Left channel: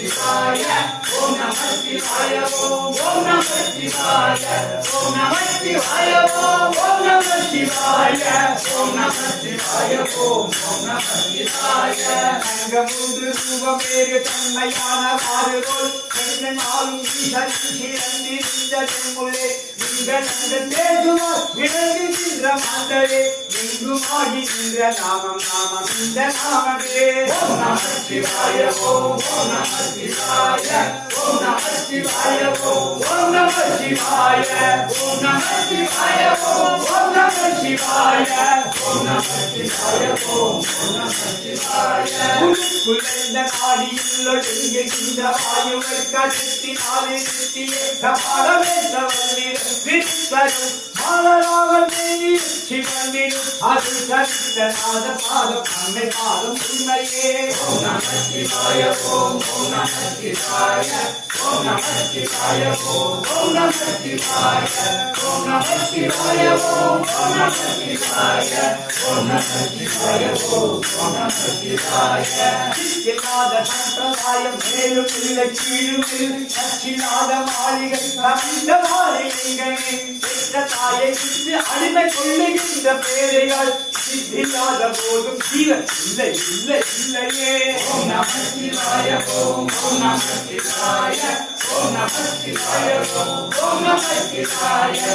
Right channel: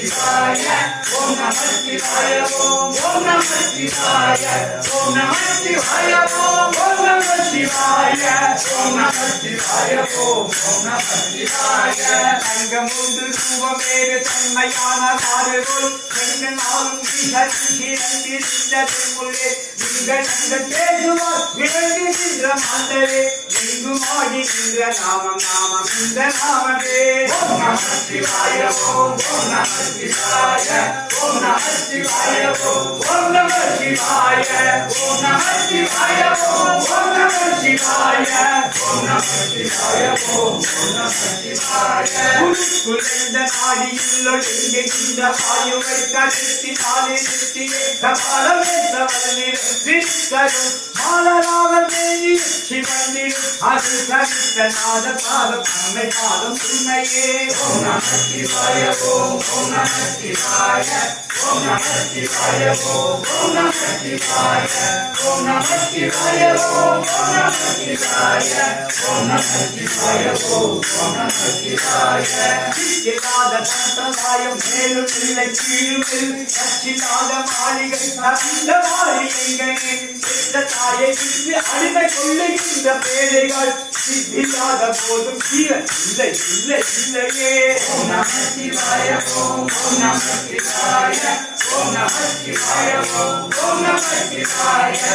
சிவாய ஓம் நம சிவாய ஓம் நம சிவாய ஓம் நம சிவாய ஓம் நம சிவாய ஓம் நம சிவாய ஓம் நம சிவாய தங்கமுண்டு ரூபமேறு தன்மையான ஆறுதல் நாளும் வீழ்ந்திருந்தே பேசுவார் விளங்கி நின்ற மாந்தரே எங்கும் ஆடி நின்ற நாமம் நாமம் இந்த நாமதே ஓம் நம சிவாய ஓம் நம சிவாய ஓம் நம சிவாய ஓம் நம சிவாய ஓம் நம சிவாய ஓம் நம சிவாய ஓம் நம சிவாய ஓம் நம சிவாய குலைந்த நாடியில் ஒடுங்குகின்ற வாயுவை கருத்தினாலே நிறுத்தியே கபாலமேற்ற வல்லிட விஸ்வரும் மாலராவர் மேனி சிவனில் அது கருத்த நாத பாதம் நம்மை பாதம் உண்மையே ஓம் நம சிவாய ஓம் நம சிவாய ஓம் நம சிவாய ஓம் நம சிவாய ஓம் நம சிவாய ஓம் நம சிவாய ஓம் நம சிவாய ஓம் நம சிவாய இல்லாத சம்பிரதாயம் மேலும் இல்லை கீழும் இல்லாத மாளிகை தந்த மாளிகைகளே பெற்ற தாயை விட்டு அடிமை கொள்ளுகின்ற பேதைகள் இல்லாத போதும் ஜீவன் இல்லை இல்லை இல்லையே ஓம் நம சிவாய ஓம் நம சிவாய ஓம் நம சிவாய ஓம் நம சிவாய